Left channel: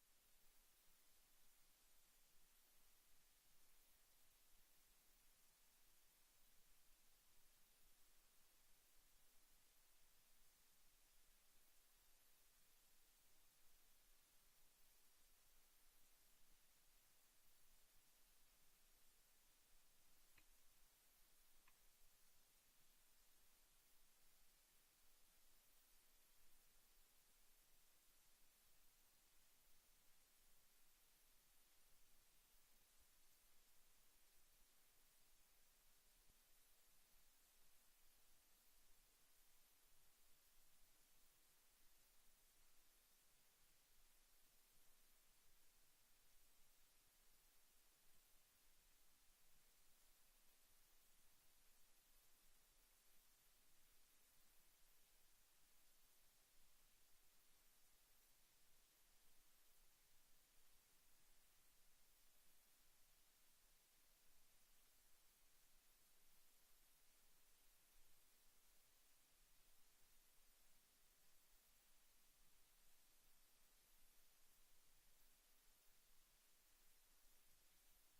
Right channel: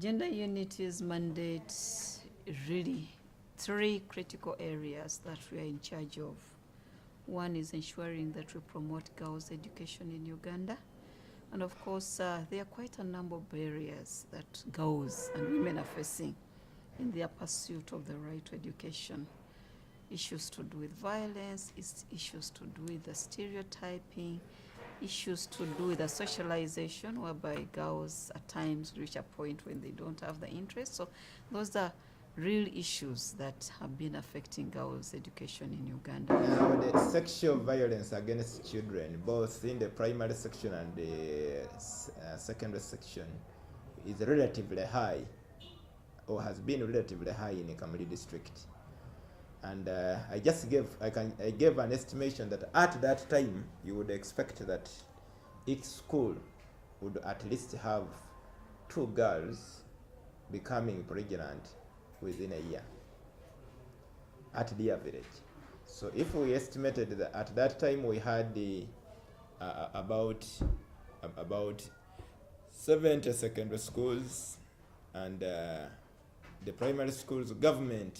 Gender Unity's mandate really three critical areas that we are in charge of. One is ensuring that we promote girls' education in Uganda. And of course, there are quite a number of barriers that girls and women are facing in their pursuit of the right to education. Issues to do with violence, issues to do with the stereotyping, issues to do with the socialization, whereby girls at times reach a point when they don't have the interest. So those are real issues that have been affecting girls' education in Uganda. Now, the sexual violence against children, both in the primary section and the secondary section, is relatively high, or has been relatively high in the Kamuli district. And I gave an estimation that at that time you would expect that each school would at least have 2 girls becoming pregnant within a year at the average. So if we estimated that at that time we had about 70 secondary schools, and the primary schools, government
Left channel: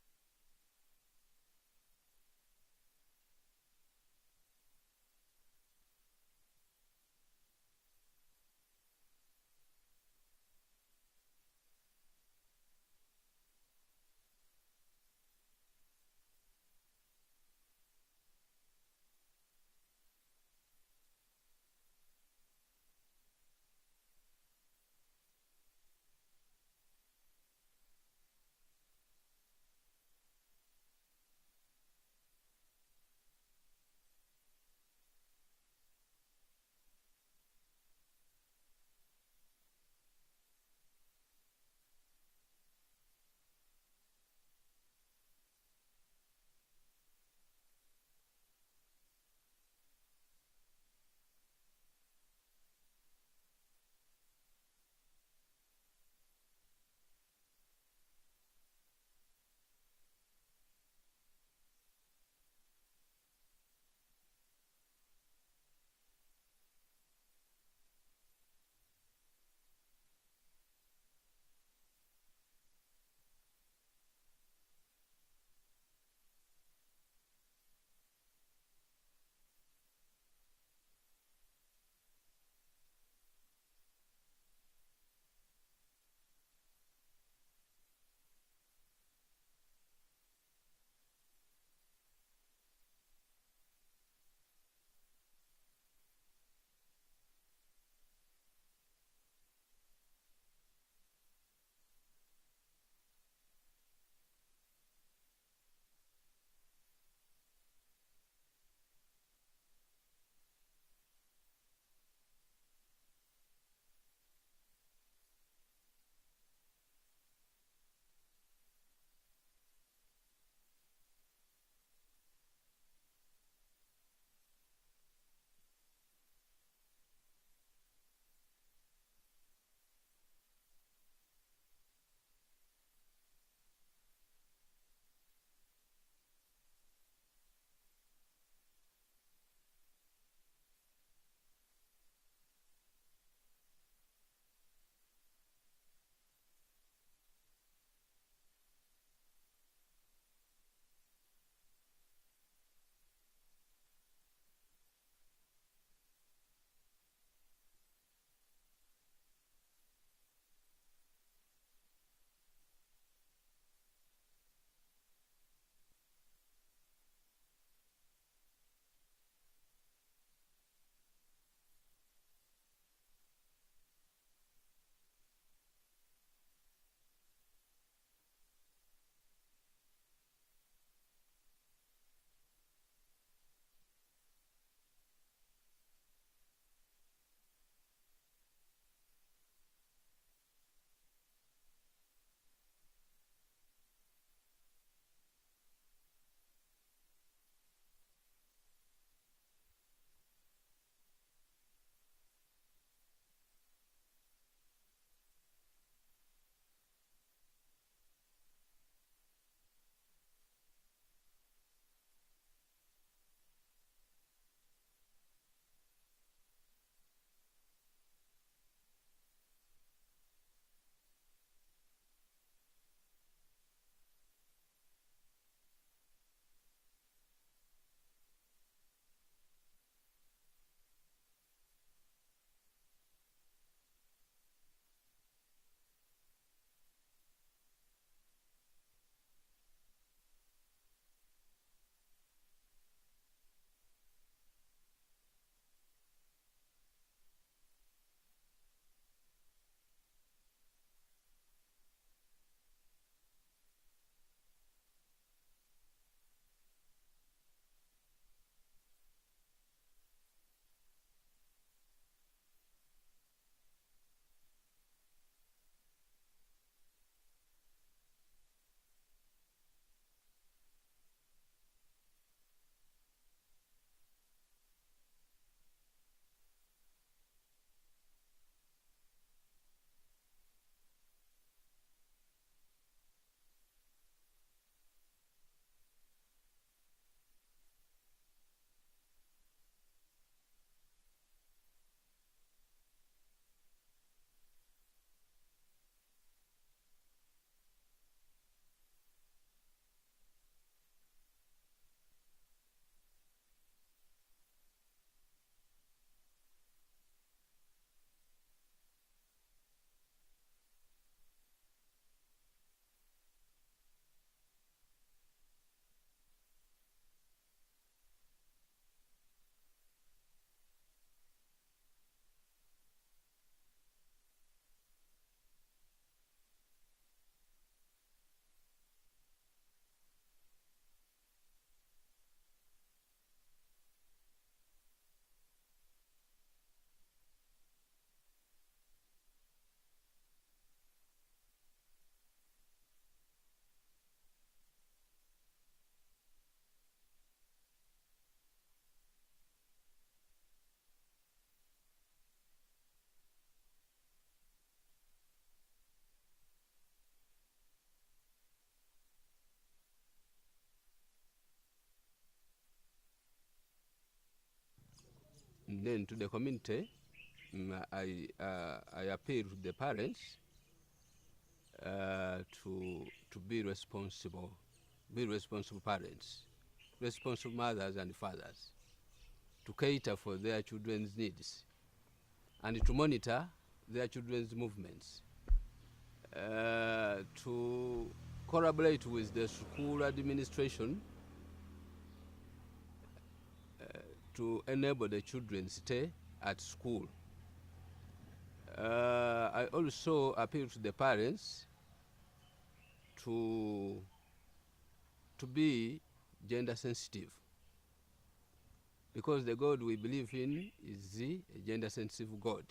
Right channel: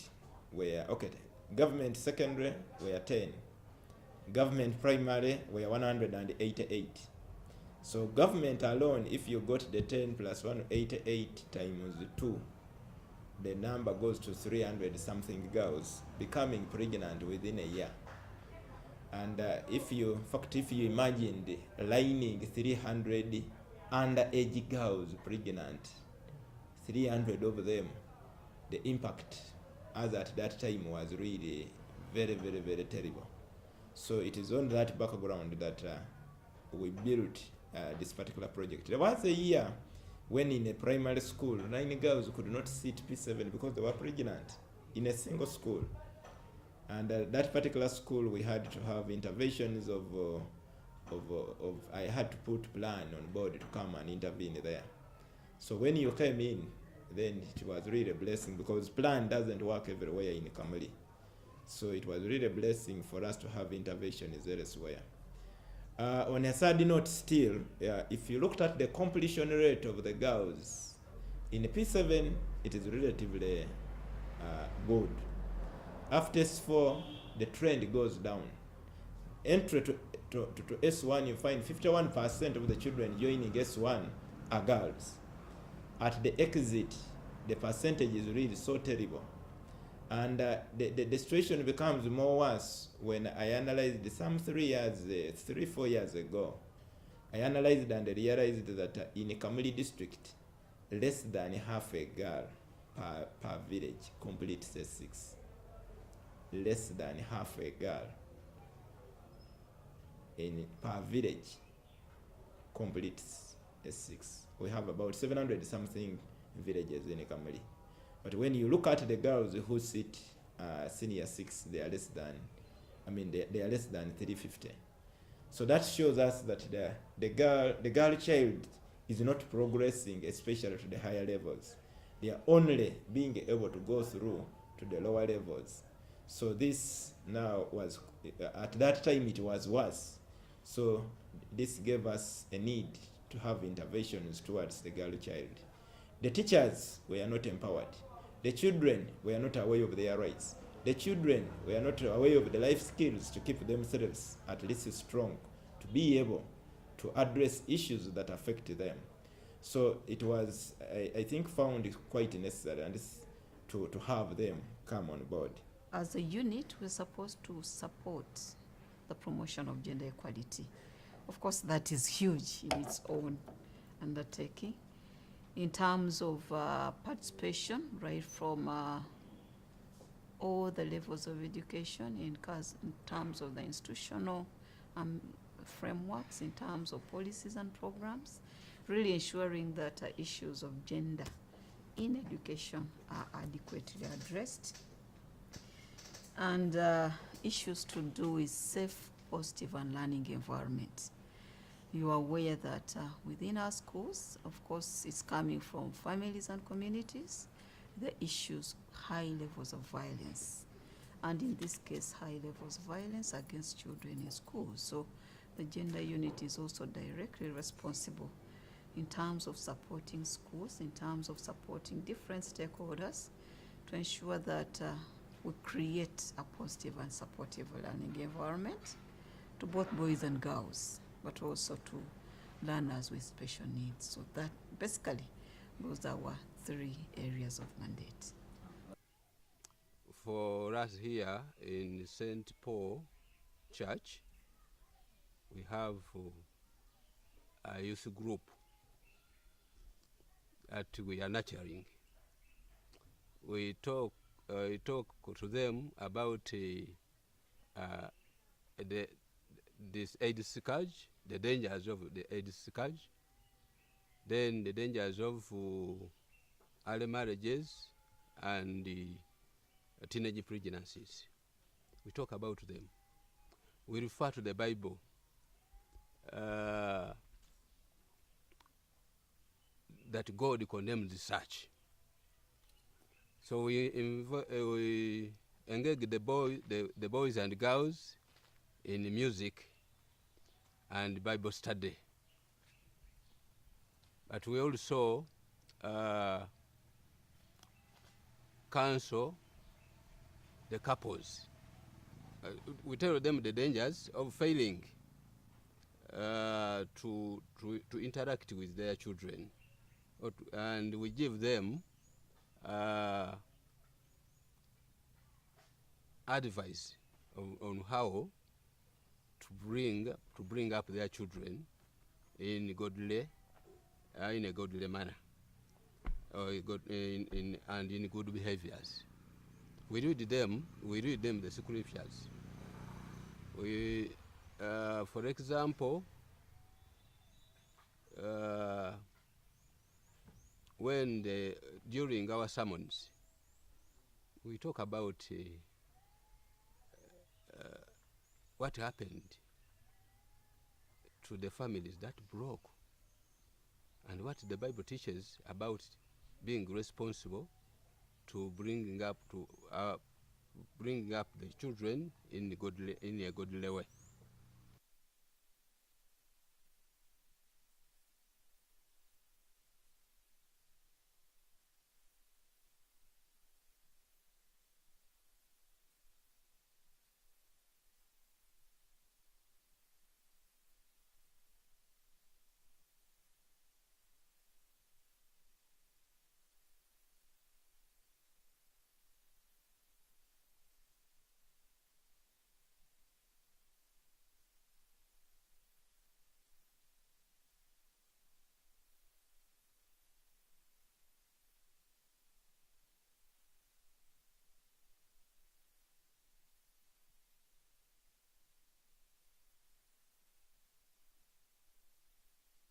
secondary were 10, government primary were 188. So government alone, if you got the 10 plus 188 times 2, the number goes to 300 something girls becoming pregnant within a year. And if you imagined lining 300 underage girls pregnant, 300 of them, the impact as at that time was really very, very, very terrible. So it is on that background that we built this particular project. There was a year when in a primary school, 9 girls could not sit P7 because they were pregnant in a single school. And that particular school, we had to have interventions I had to put plan on board to come and intervene there. So when you came in, then it was really a blessing, because plan doesn't work everywhere in Kamuli. So it was really a blessing for us to have interventions elsewhere. On a sad note still, if you looked at the completion rate of the girls, in P7, it is relatively good. After S4, the trend goes down. Entry to S1, you find 51% of the children joining S1 are girls. At the exit, the percentage is really so terrible. And the situation becomes more worse when I analyzed some 3-4 years ago. I analyzed and realized that in a Kamuli district, less than half a girl per village completes S6. Less than half a girl per village completes S6. We have about 700 something villages in Kamuli. But when you look at the girls who sit senior 6, they are less than 350. So that shows us that the girl child is not progressing, especially to the higher levels. They are only being able to go through to the lower levels. So this now was, at that time it was worse. So this gave us a need to have interventions towards the girl child. The teachers were not empowered. The children were not aware of their rights. The children were not aware of the life skills to keep themselves at least strong, to be able to address issues that affect them. So it was, I think, found quite necessary and to have them come on board. As a unit, we're supposed to support the promotion of gender equality. Of course, that is huge in its own undertaking. In terms of participation, right from all the levels of education, in terms of the institutional frameworks, in terms of policies and programs, really ensuring that issues of gender in education are adequately addressed. And issues to do with safe, positive, and learning environment. You are aware that within our schools, of course, it's coming from families and communities, the issues, high levels of violence. And in this case, high levels of violence against children in schools. So the gender unit is also directly responsible in terms of supporting schools, in terms of supporting different stakeholders to ensure that we create a positive and supportive learning environment to both boys and girls, but also to learners with special needs. So that basically those are our 3 areas of mandate. For us here in St. Paul Church, we have a youth group that we are nurturing. We talk to them about this AIDS scourge, the dangers of the AIDS scourge, then the dangers of early marriages and teenage pregnancies. We talk about them. We refer to the Bible. That God condemns such. So we engage the boys and girls in music and Bible study. But we also counsel the couples. We tell them the dangers of failing to interact with their children, and we give them advice on how to bring up their children in a godly manner, and in good behaviors. We read them the scriptures. We, for example, during our sermons, we talk about what happened to the families that broke, and what the Bible teaches about being responsible to bringing up the children in a godly way. And then to the community, I appeal to the parents to be responsible parents, responsible mothers and fathers, to cater for their children's needs and to monitor their children's movements, to collaborate with the school administration to enable the children stay at school. I also appeal to the parents to be gender sensitive, because the God we believe in is a gender sensitive God.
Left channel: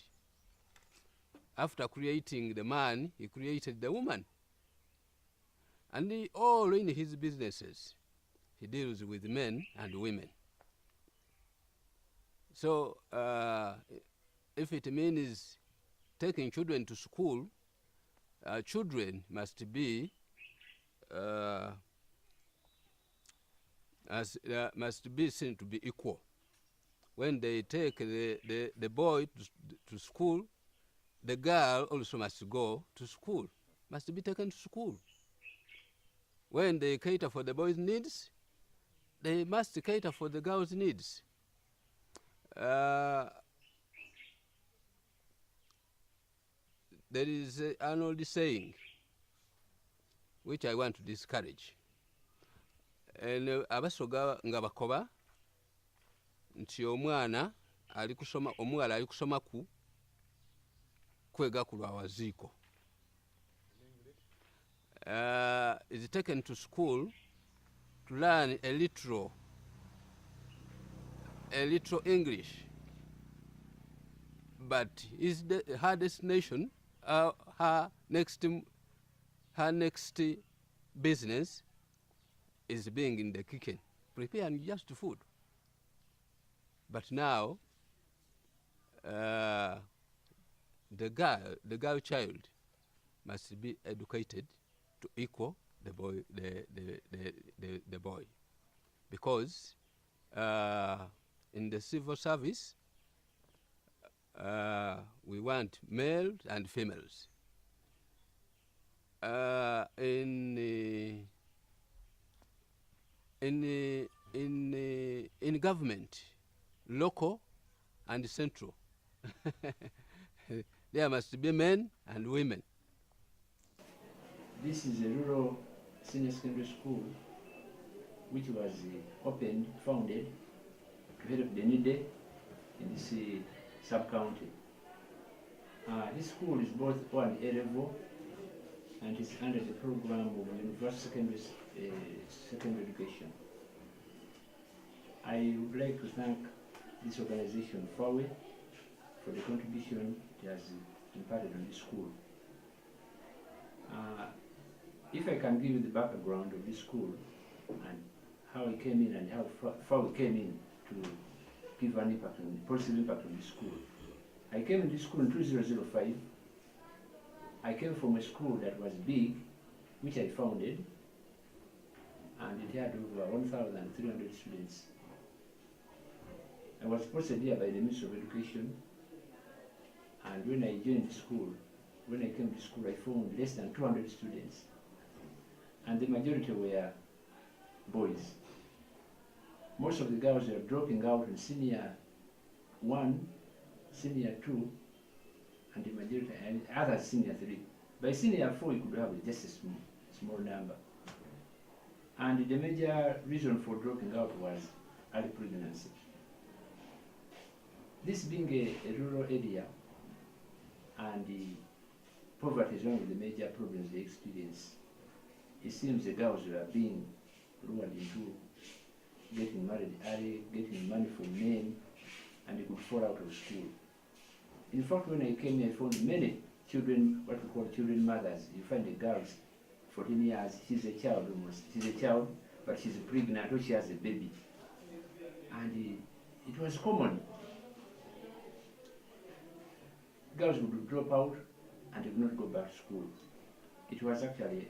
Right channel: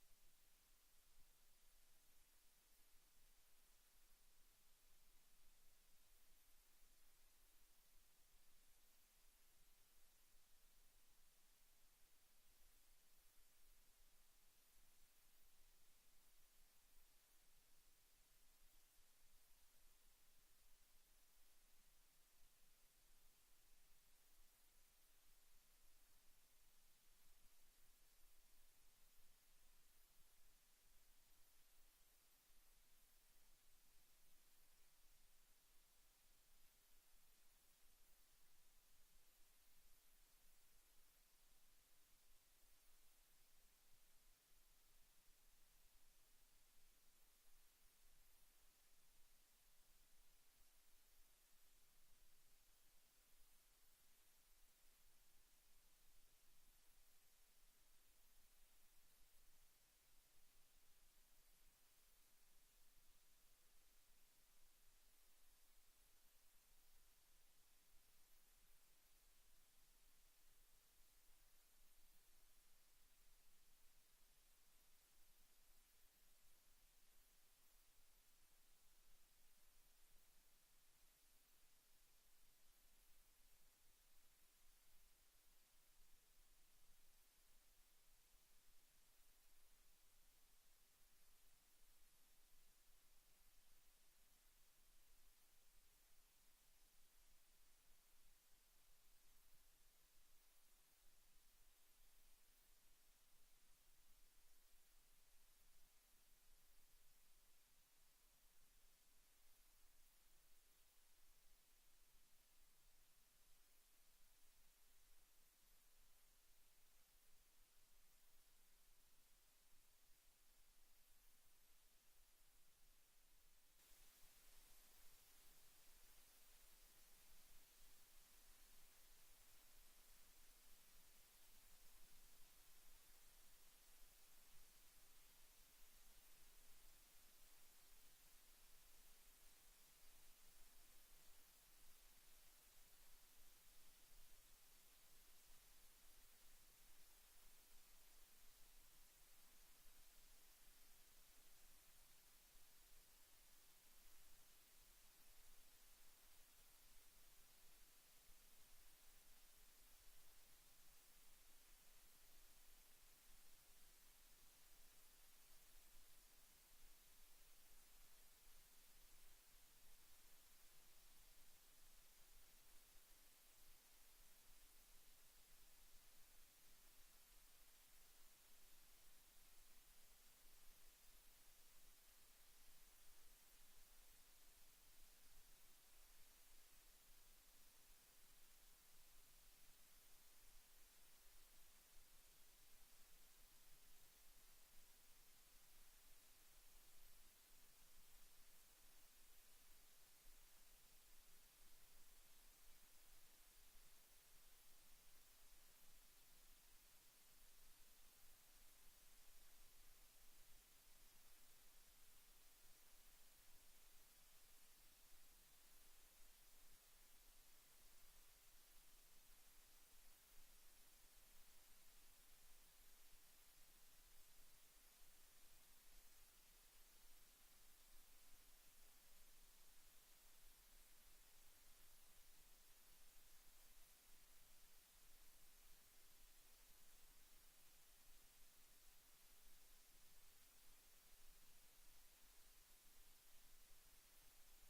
After creating the man, he created the woman. And all in his businesses, he deals with men and women. So if it means taking children to school, children must be seen to be equal. When they take the boy to school, the girl also must go to school, must be taken to school. When they cater for the boy's needs, they must cater for the girl's needs. There is an old saying which I want to discourage. Abasoga nga bakoba nti omwana omuwala ali kusoma kwega ku lwa waziiko. Is taken to school to learn a little English, but her destination, her next business is being in the kitchen, preparing just food. But now, the girl child must be educated to equal the boy, the boy, because in the civil service, We want males and females. In government, local and central, there must be men and women. This is a rural senior secondary school which was founded to help the needy in this sub-county. This school is both on A level and is under the program of university secondary education. I would like to thank this organization, FAWE, for the contribution it has imparted on this school. If I can give you the background of this school and how it came in and how FAWE came in to give an impact positive impact on this school. I came into school in 2005. I came from a school that was big, which I founded, and it had over 1,300 students. I was posted here by the Ministry of Education, and when I joined the school, when I came to school, I found less than 200 students, and the majority were boys. Most of the girls were dropping out in senior 1, senior 2, and the majority, and others senior 3. By senior 4, you could have just a small number. And the major reason for dropping out was early pregnancy. This being a rural area, and the poverty is one of the major problems they experience, it seems the girls were being lured into getting married early, getting money from men, and they could fall out of school. In fact, when I came here, I found many children, what we call children mothers. You find the girls, 14 years, she's a child almost. She's a child, but she's pregnant or she has a baby. And it was common. Girls would drop out and they would not go back to school. It was actually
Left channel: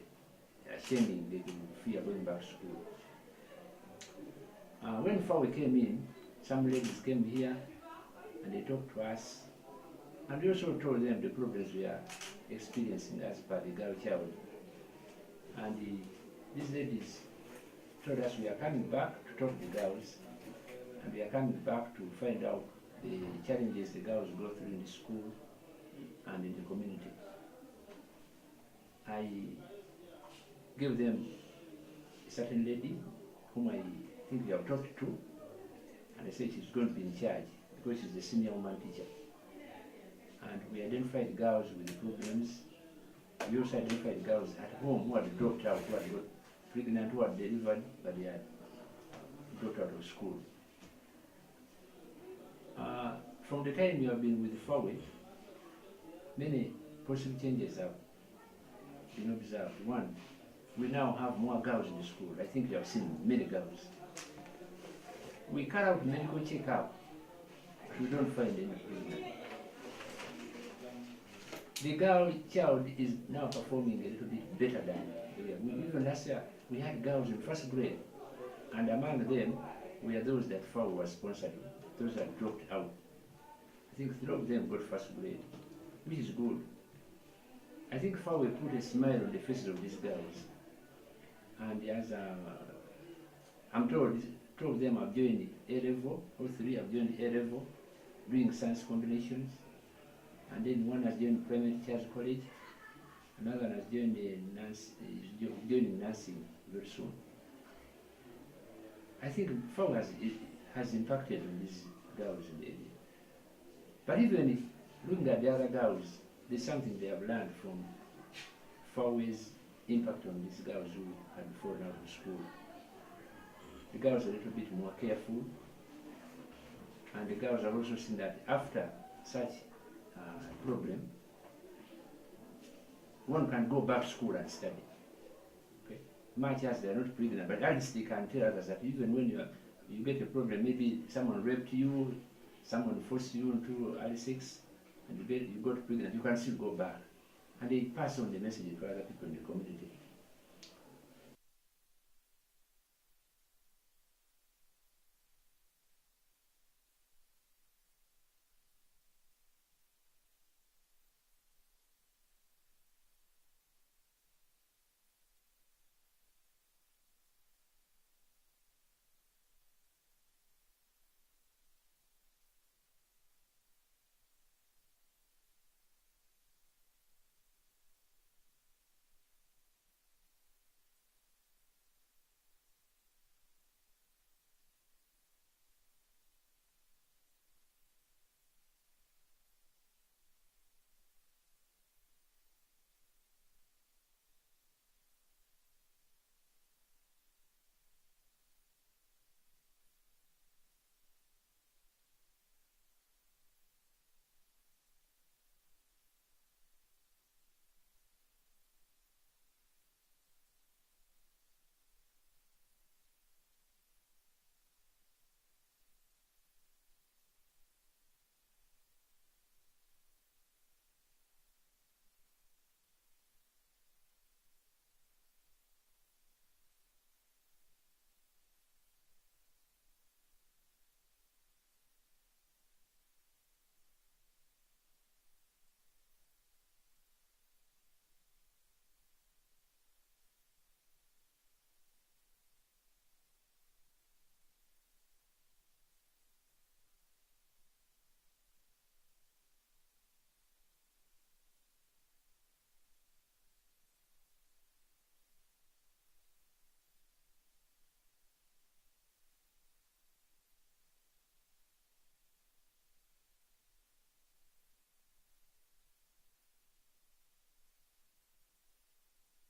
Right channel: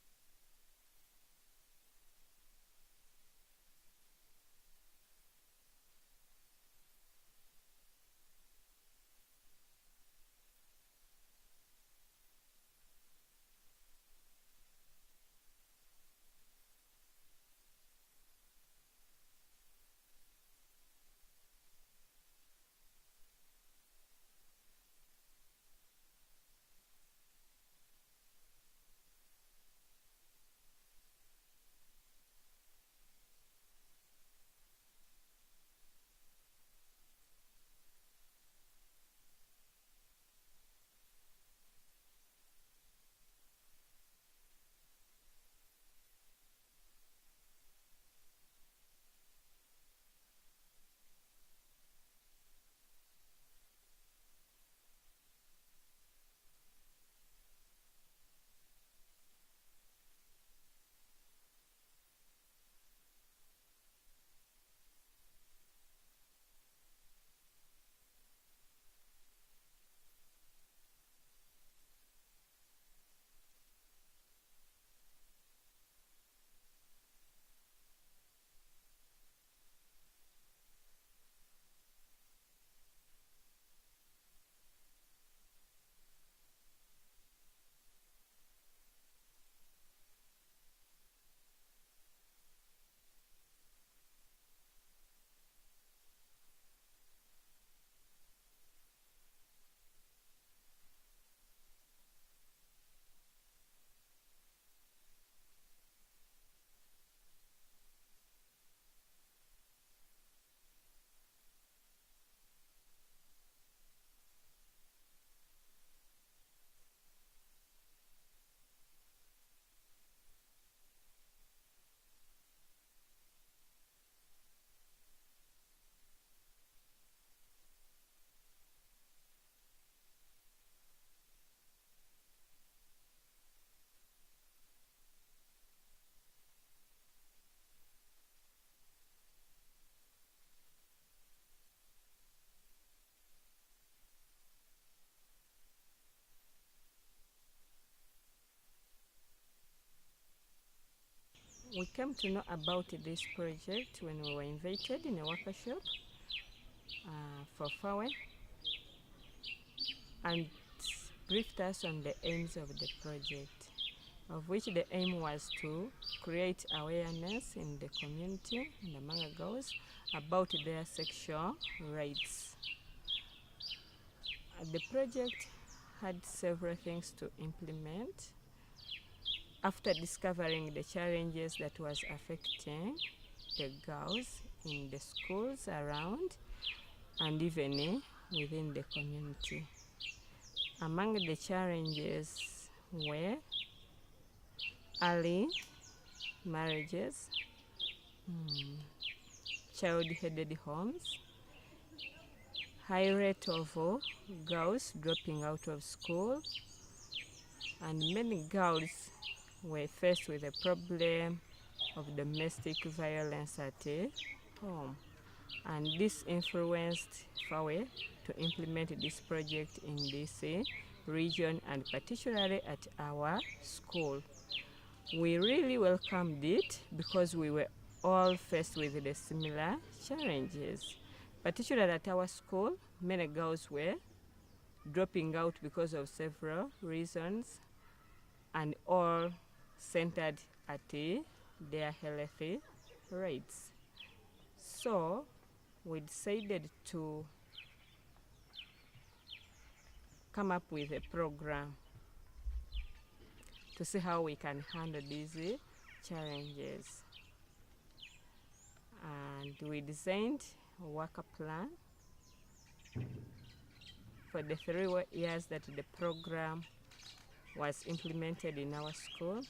shaming, they could fear going back to school. When FAWE came in, some ladies came here and they talked to us, and we also told them the problems we are experiencing as per the girl child. And these ladies told us we are coming back to talk to the girls, and we are coming back to find out the challenges the girls go through in the school and in the community. I gave them a certain lady whom I think we have talked to, and I said she's going to be in charge because she's the senior woman teacher. And we identified girls with the problems. We also identified girls at home who had dropped out, who had got pregnant, who had delivered, but they had dropped out of school. From the time you have been with FAWE, many positive changes have been observed. One, we now have more girls in the school. I think you have seen many girls. We carry out medical checkup. We don't find any problem. The girl child is now performing a little bit better than even last year. We had girls in first grade, and among them were those that FAWE was sponsoring, those that dropped out. I think 3 of them got first grade, which is good. I think FAWE put a smile on the faces of these girls. And as I'm told, 2 of them have joined A level, or 3 have joined A level, doing science combinations. And then one has joined primary teachers college, another has joined joining nursing very soon. I think FAWE has impacted on these girls in the area. But even looking at the other girls, there's something they have learned from FAWE's impact on these girls who had fallen out of school. The girls are a little bit more careful, and the girls have also seen that after such problem, one can go back to school and study. Okay? Much as they are not pregnant, but at least they can tell others that even when you get a problem, maybe someone raped you, someone forced you into early 6, and you got pregnant, you can still go back. And they pass on the message to other people in the community. We came to know about this project when we were invited in a workshop for FAWE. and briefed us on the aims of the project, of which the aim was to create awareness in the community and among girls about their sexual rights. The project had several things to implement. After discovering the challenges that was affecting the girls in the schools around and even within the community. Among the challenges were early marriages, child-headed homes, high rate of girls dropping out of school, and many girls were faced with a problem of domestic violence at home. And this influenced FAWE to implement this project in this region and particularly at our school. We really welcomed it because we were all faced with the similar challenges. Particularly at our school, many girls were dropping out because of several reasons and all centered at their healthy rates. So we decided to come up with a program to see how we can handle these challenges. And we designed a worker plan for the 3 years that the program was implemented in our school.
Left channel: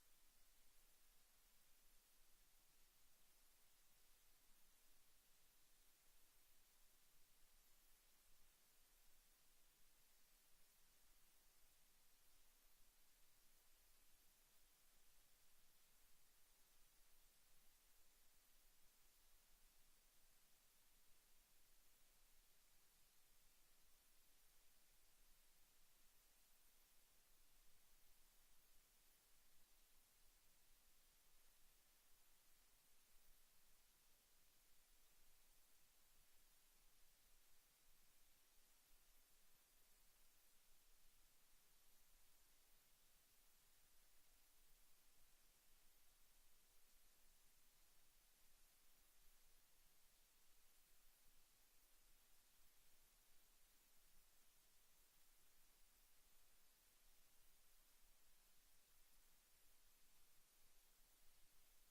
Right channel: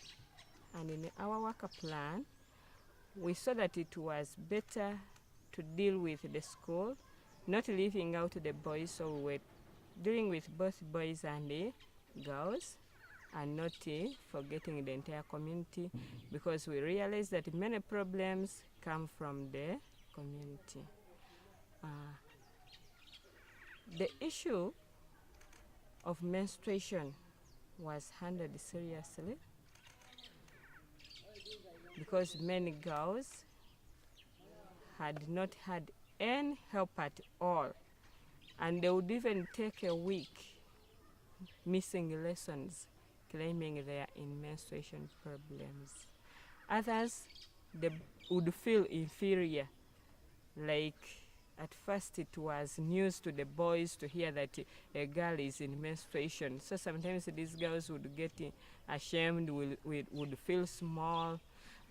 And in our worker plan, we saw that it was better to deal with the school, not leaving out the boys, so we were dealing with both boys and girls, and not forgetting the entire community, because we realized that many problems come from the community. The issue of menstruation was handled seriously because many girls had not had any help at all, and they would even take a week missing lessons, claiming they are in menstruation problems. Others, they would feel inferior, like at first it was news to the boys to hear that a girl is in menstruation. So sometimes these girls would get ashamed, would feel small.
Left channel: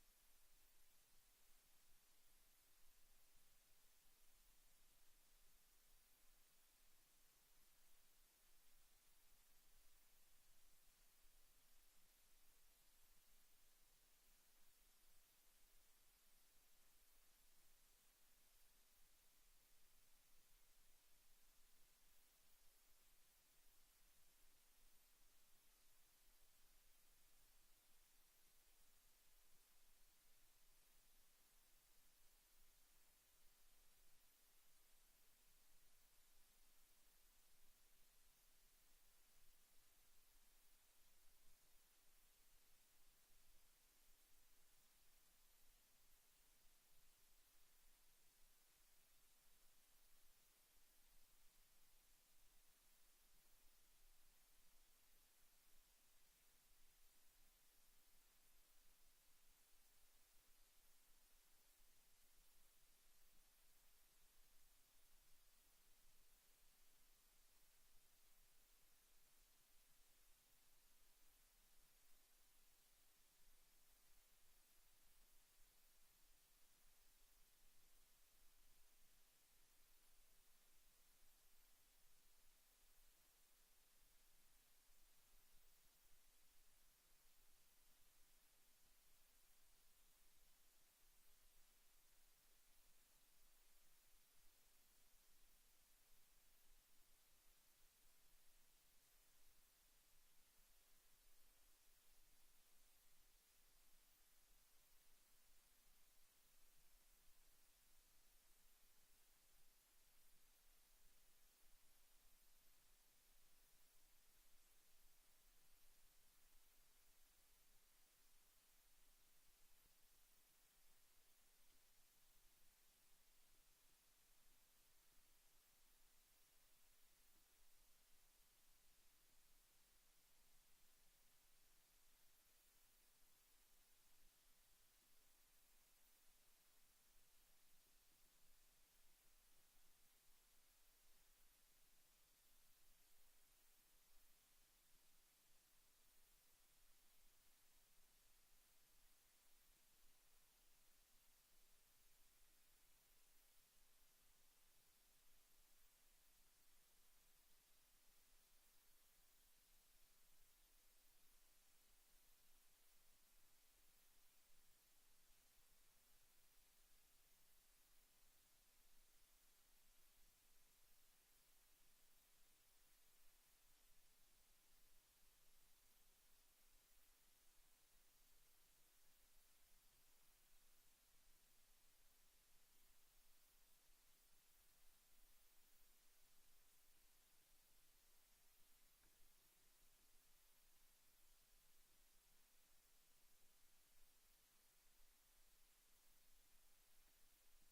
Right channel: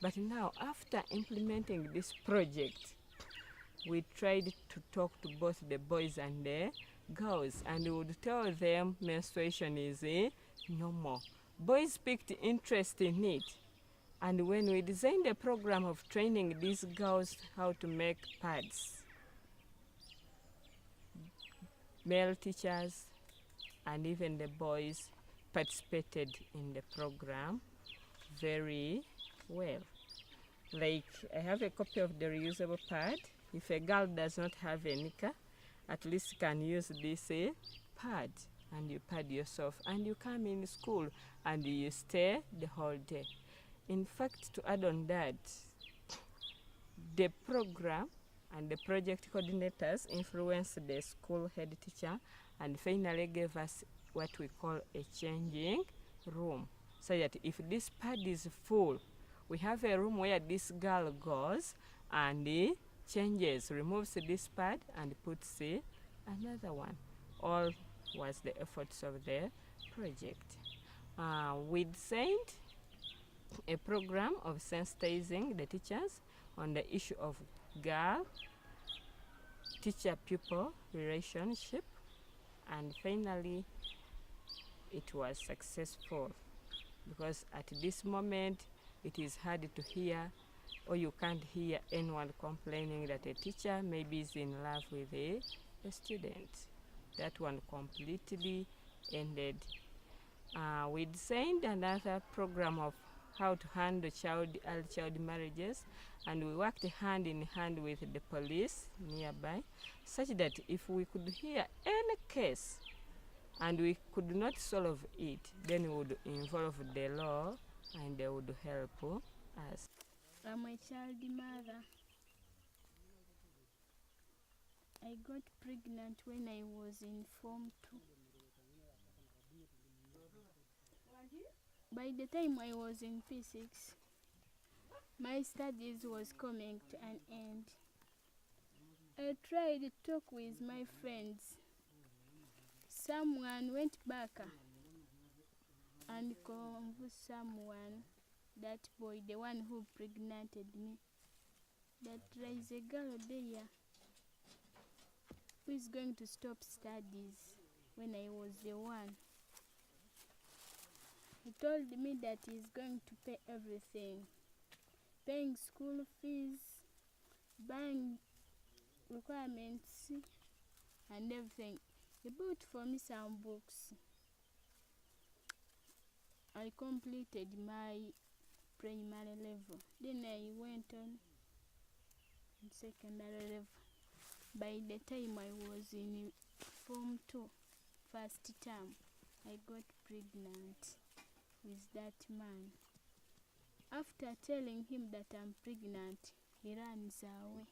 But now, after implementing this project, we tried to talk to both the boys and the girls, and we would tell them menstruation is normal. Boys picked interest in it, and when we designed a program of training these girls how to make pads, male teachers and even the boys participated in the program very well. Like, I have a copy of the reusable pad. If a girl does not have a nika, at least you can use this pad, and you pad yourself, and you come in school and you stay the whole day. In fact, to add on that, the program and the project coordinators influenced the school head teacher and finally gave us what we call a changing room, so that if this pad is full, we have a room where this girl goes and changes, removes this pad and puts another one. All was the efforts of the project. We designed a program of sensitizing the teachers on the issue of girl teacher-pupil relationship, and finally it was successful, because at this moment it is hard to hear, or you can't hear anyone complaining that a teacher maybe is in love with a student. That one completely ended. We designed another program of how to handle early child marriages, and we worked hand in hand with the police nearby, such that if we could hear any case and we could not solve it, then we would involve the law and they would help us. I'm a child mother. I got pregnant when I was in Form 2. By the time I was in P6, my studies was coming to an end. I tried to talk with my friends. Someone went back and convinced someone, that boy, the one who pregnanted me, that there is a girl there who is going to stop studies when I was the one. He told me that he's going to pay everything, paying school fees, buying requirements, and everything. He bought for me some books. I completed my primary level. Then I went on secondary level. By the time I was in Form 2, first term, I got pregnant with that man. After telling him that I'm pregnant, he runs away.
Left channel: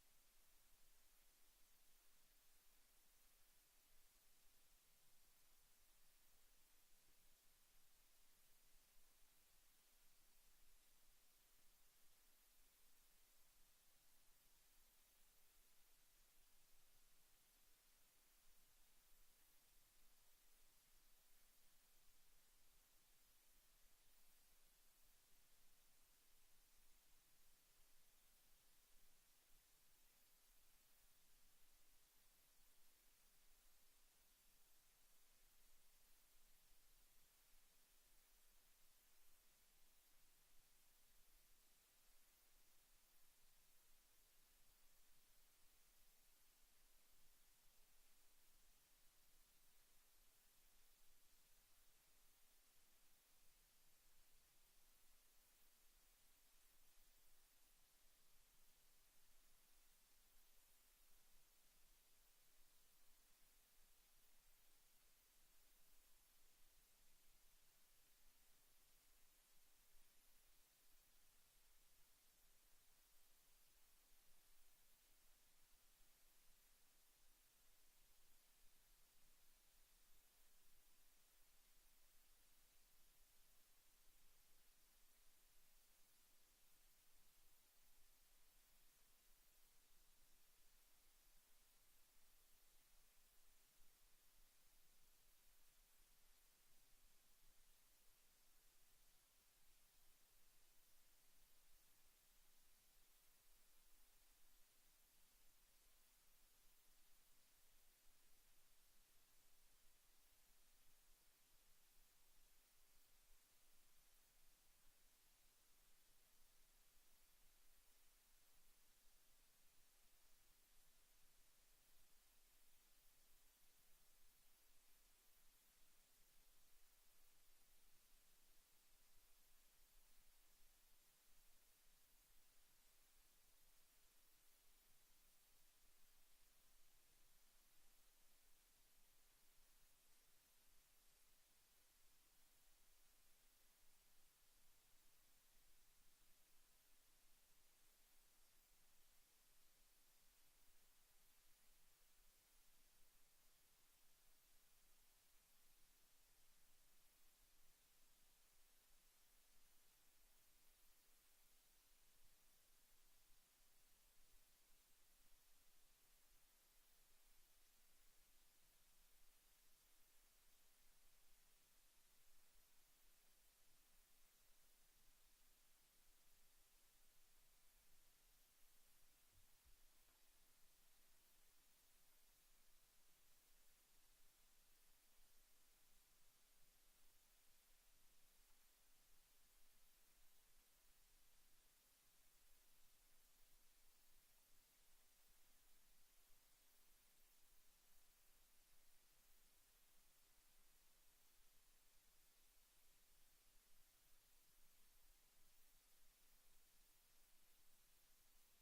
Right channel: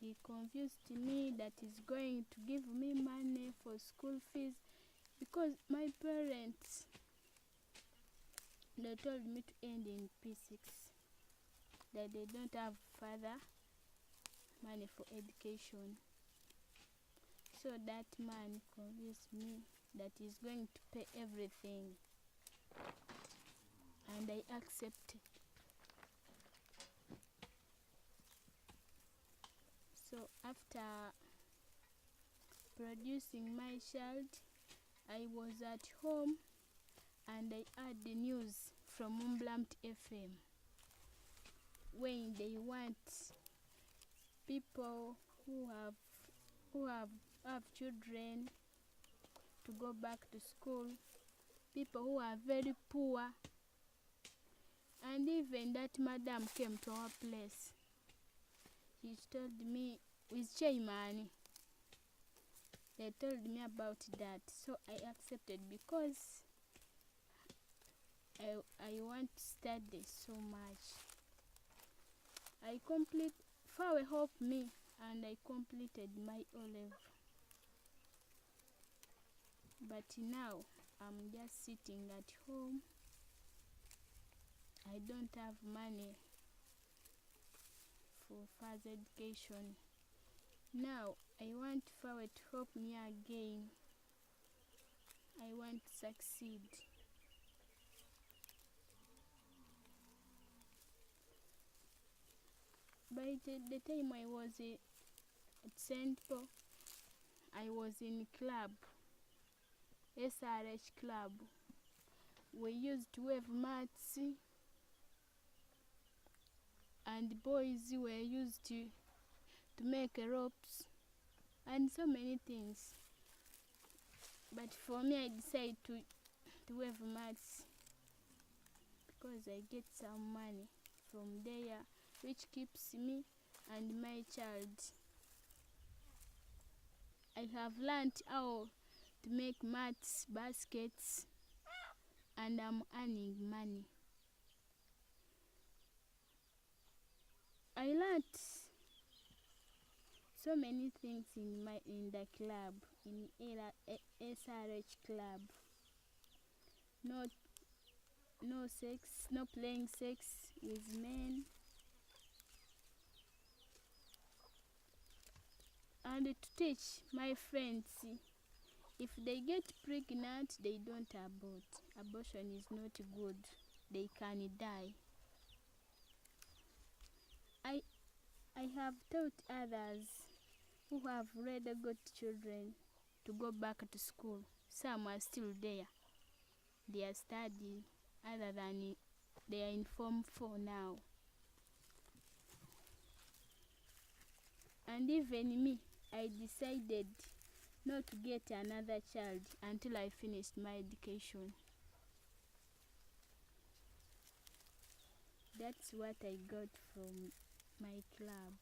He convinced me that he's going to give me money for school fees, because my parents, they told me to end in P6, that they don't have further money for education. So that man convinced me that he's going to pay everything, and I accepted. So after producing my child, I was at home and I heard the news from Umblamt FM, when they want people who have children to go back to school, people who are very poor. And even that madam came to our place. She told me, with Chaimani, they told me about that. So I accepted, because I want to study so much. Fawe helped me, and I completed my O-level. But now I'm just sitting at home. I don't have money for further education. Now I want Fawe to help me again. I want to succeed. By the time I was at St. Paul, I was in club, ASRHR club. We used to wave mats, and boys were used to make ropes and so many things. But for me, I decided to wave mats, because I get some money from there, which keeps me and my child. I have learned how to make mats, baskets, and I'm earning money. I learned so many things in the club, in ASRHR club. No sex, no playing sex with men, and to teach my friends, if they get pregnant, they don't abort. Abortion is not good. They can die. I have taught others who have already got children to go back to school. Some are still there. They are studying, other than they are in Form 4 now. And even me, I decided not to get another child until I finished my education. That's what I got from my club.